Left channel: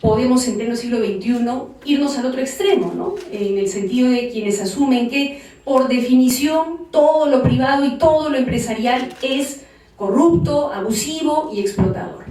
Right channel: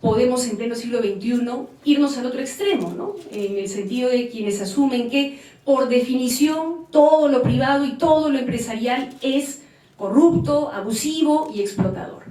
podemos en pleno siglo XXI irnos al otro extremo, ¿no? En el sentido de quienes asumen que por definición todo lo privado y todo lo empresarial es corrupto, abusivo y explotador.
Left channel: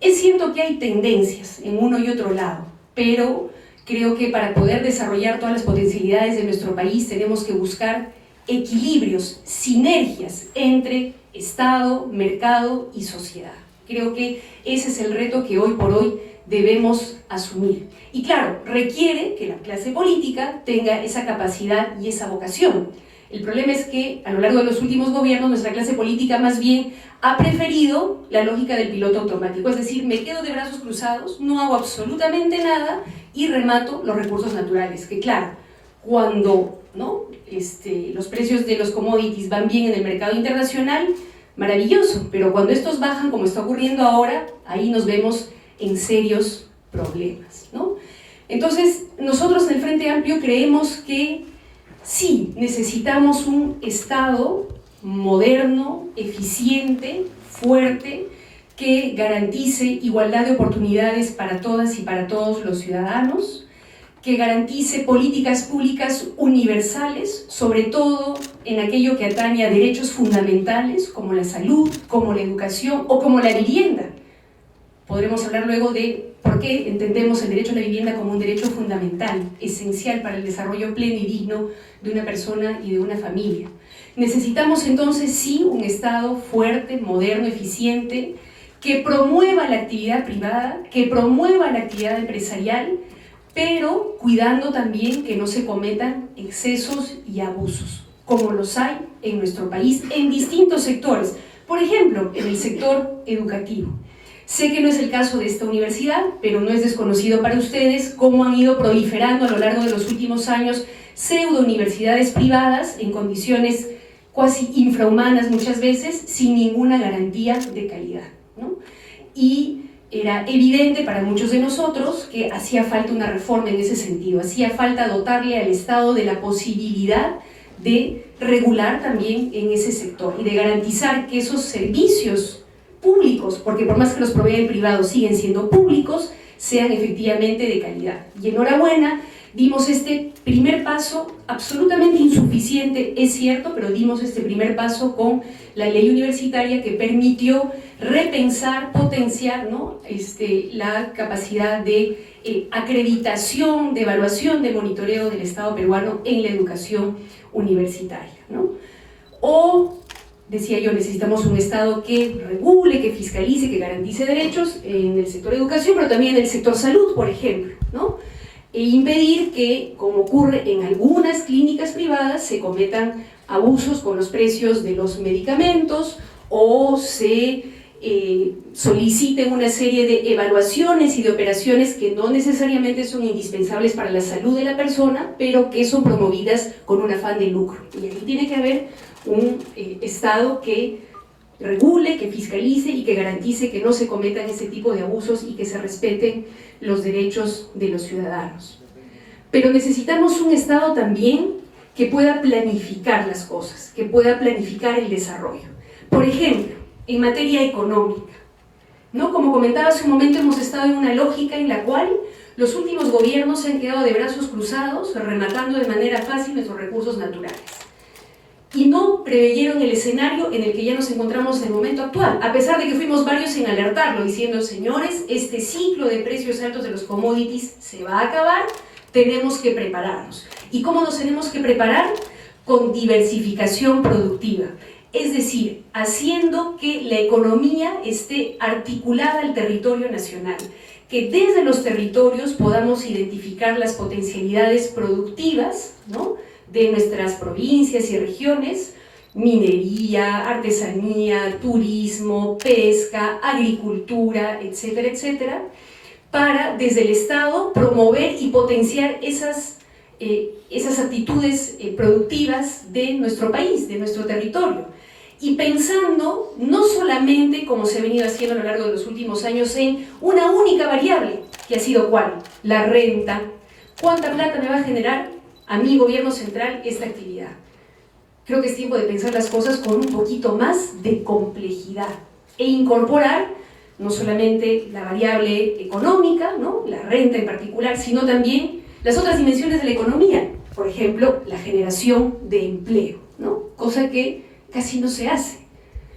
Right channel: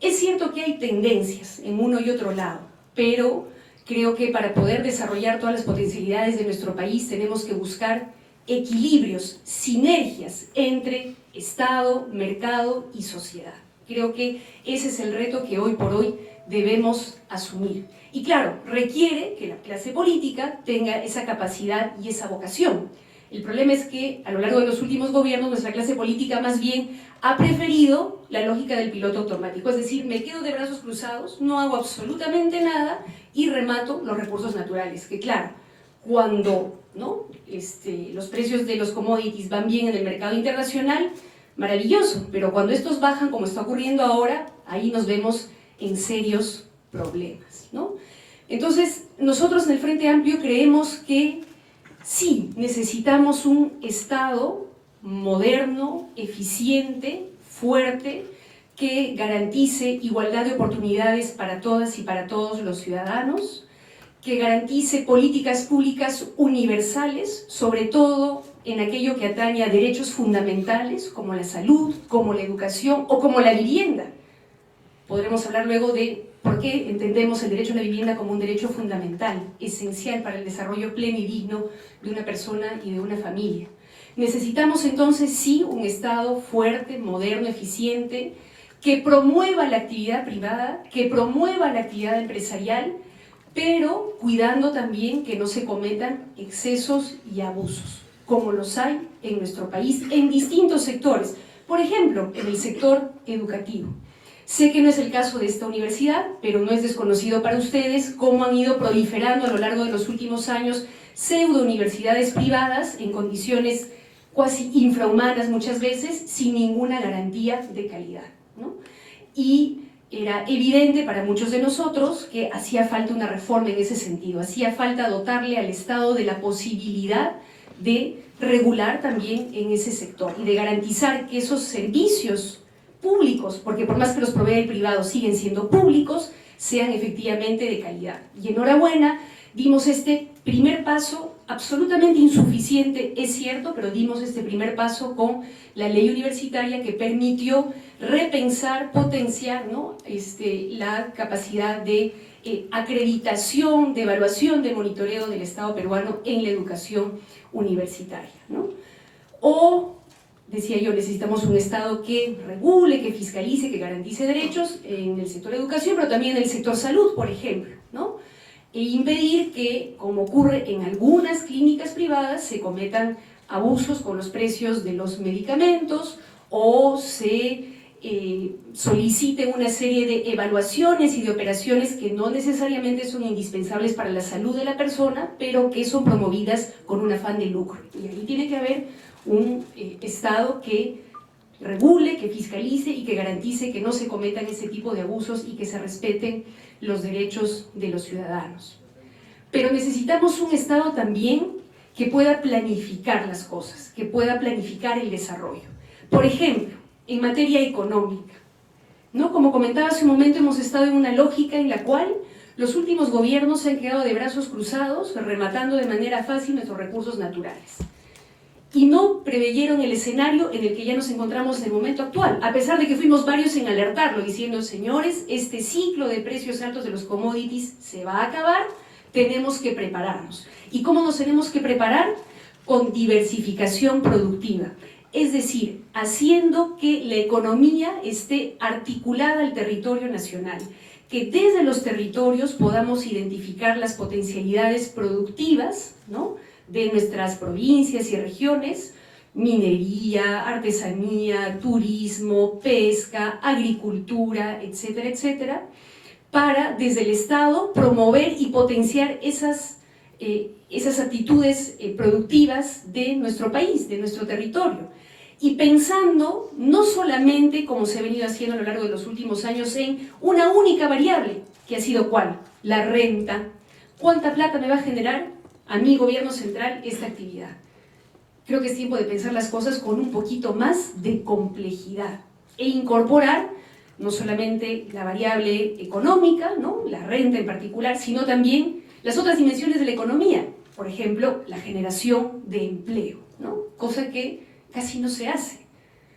Es cierto que hay tendencias en uno y otro lado, pero creo que para poder desarrollar todas las potencialidades de nuestro país tenemos que buscar equilibrios, sinergias entre Estado, mercado y sociedad. Creo que ese es el reto que hoy por hoy debemos asumir. Y claro, requiere que la clase política tenga esa capacidad y esa vocación. El problema es que a lo largo de los últimos gobiernos nuestra clase política más bien ha preferido la lógica del piloto automático, es decir, me quedo de brazos cruzados, no hago absolutamente nada y remato los recursos naturales, que claro, cuando los precios de los commodities van bien en el mercado internacional, maravilloso, pero cuando estos bajan, como está ocurriendo ahora, ahí nos vemos en serios problemas, ¿no? Entonces, nosotros en el Frente Amplio creemos que sí, necesitamos un Estado moderno, eficiente, fuerte, que garantice igualdad de oportunidades para todas y para todos los ciudadanos, que garantice políticas públicas universales, sobre todo en aquello que atañe a derechos fundamentales como la salud, como la educación o como la vivienda. Podremos hablar luego de por qué entendemos el derecho a la vivienda como un derecho fundamental, esencial para el desarrollo pleno y digno de una persona y de una familia. Necesitamos entonces sí un Estado fuerte, moderno, eficiente, que promueva la actividad privada, que promueva la actividad empresarial, pero cuidando también que no se cometan excesos y abusos, como los hay en nuestro país en distintos sectores. Por ejemplo, en el sector educativo. Sé que no es el caso de esta universidad, pero no es desconocido para ustedes cómo han ido proliferando a lo largo de los últimos años pseudo-universidades privadas en condiciones cuasi infrahumanas muchas veces, sin ninguna garantía de calidad, ¿no? Y era evidente para muchos de nosotros que hacía falta una reforma en ese sentido, hacía falta dotarle al Estado de la posibilidad de regular también en ese sector y de garantizar que esos servicios públicos, porque por más que los provee el privado siguen siendo públicos, sean efectivamente de calidad. Y enhorabuena, dimos este primer paso, absolutamente insuficiente, es cierto, pero dimos este primer paso con la ley universitaria que permitió repensar, potenciar, ¿no? La capacidad de acreditación, de evaluación, de monitoreo del Estado peruano en la educación universitaria, ¿no? O, decía yo, necesitamos un Estado que regule, que fiscalice, que garantice derechos en el sector educación, pero también en el sector salud, por ejemplo, ¿no? E impedir que, como ocurre en algunas clínicas privadas, se cometan abusos con los precios de los medicamentos o se soliciten una serie de evaluaciones y de operaciones que no necesariamente son indispensables para la salud de la persona, pero que son promovidas con un afán de lucro. Y ahí tiene que haber un Estado que regule, que fiscalice y que garantice que no se cometan ese tipo de abusos y que se respeten los derechos de los ciudadanos. Pero necesitamos un Estado también que pueda planificar las cosas, que pueda planificar el desarrollo. Por ejemplo, en materia económica, ¿no? Como comentaba hace un momento, hemos estado en una lógica en la cual los últimos gobiernos se han quedado de brazos cruzados, rematando de manera fácil nuestros recursos naturales. Y no preveyeron el escenario en el que ya nos encontramos en el momento actual, a pesar de que fuimos varios en alertarlo, diciendo, señores, este ciclo de precios altos de los commodities se va a acabar, tenemos que prepararnos. ¿Y cómo nos tenemos que preparar? Con diversificación productiva, es decir, haciendo que la economía esté articulada al territorio nacional, que desde los territorios podamos identificar las potencialidades productivas, ¿no?, de nuestras provincias y regiones, minería, artesanía, turismo, pesca, agricultura, etcétera, etcétera, para desde el Estado promover y potenciar esas actitudes productivas de nuestro país, de nuestro territorio. Y pensando no solamente, como se ha venido haciendo a lo largo de los últimos años, en una única variable, que ha sido ¿cuál? La renta. ¿Cuánta plata me va a generar a mi gobierno central esta actividad? Creo que es tiempo de pensar las cosas con un poquito más de complejidad e incorporar no solamente la variable económica, ¿no? La renta en particular, sino también las otras dimensiones de la economía, por ejemplo, la generación de empleo, ¿no? Cosa que casi no se hace.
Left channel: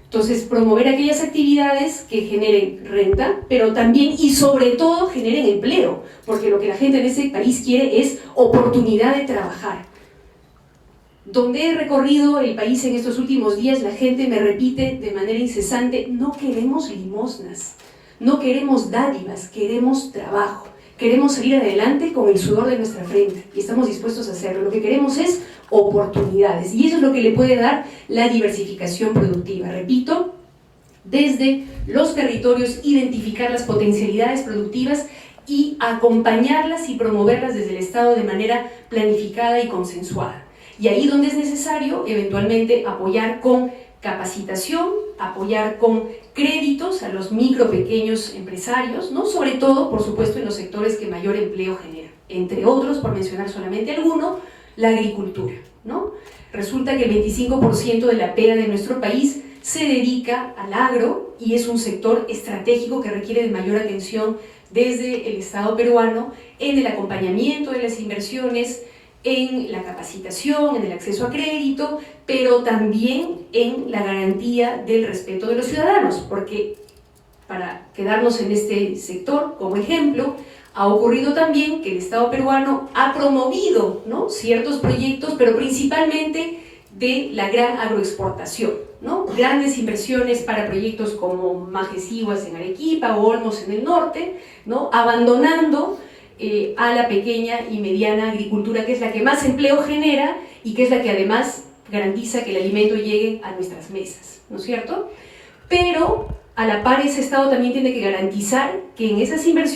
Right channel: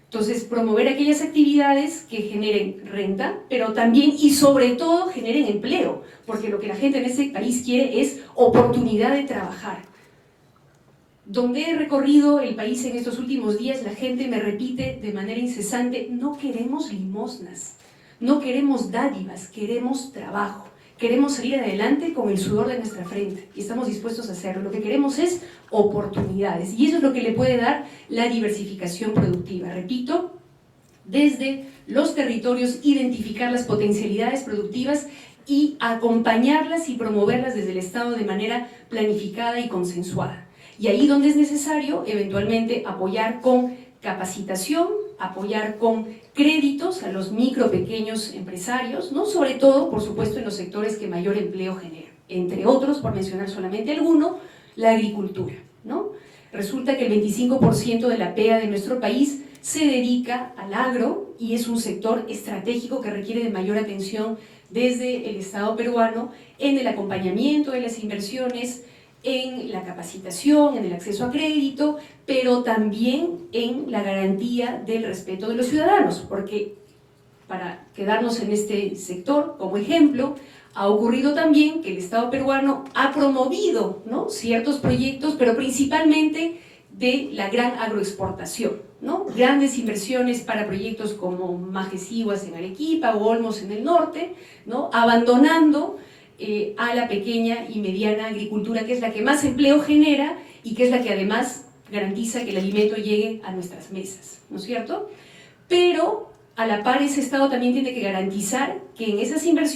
Entonces, promover aquellas actividades que generen renta, pero también y sobre todo generen empleo, porque lo que la gente en este país quiere es oportunidad de trabajar. Donde he recorrido el país en estos últimos días, la gente me repite de manera incesante: no queremos limosnas, no queremos dádivas, queremos trabajo. Queremos salir adelante con el sudor de nuestra frente y estamos dispuestos a hacerlo. Lo que queremos es oportunidades y eso es lo que le puede dar la diversificación productiva. Repito, desde los territorios identificar las potencialidades productivas y acompañarlas y promoverlas desde el Estado de manera planificada y consensuada. Y ahí donde es necesario, eventualmente apoyar con capacitación, apoyar con créditos a los micro, pequeños empresarios, ¿no? Sobre todo, por supuesto, en los sectores que mayor empleo generan. Entre otros, por mencionar solamente alguno, la agricultura, ¿no? Resulta que el 25% de la PEA de nuestro país se dedica al agro y es un sector estratégico que requiere de mayor atención desde el Estado peruano en el acompañamiento de las inversiones, en la capacitación, en el acceso a crédito, pero también en la garantía del respeto de los ciudadanos, porque para quedarnos en este sector como ejemplo, ha ocurrido también que el Estado peruano ha promovido, ¿no?, ciertos proyectos, pero principalmente de la gran agroexportación, ¿no? Grandes inversiones para proyectos como Majesiguas en Arequipa o Olmos en el norte, ¿no?, abandonando a la pequeña y mediana agricultura, que es la que más empleo genera y que es la que además garantiza que el alimento llegue a nuestras mesas, ¿no es cierto? Pero a la par ese Estado también tiene que garantizar que en esas inversiones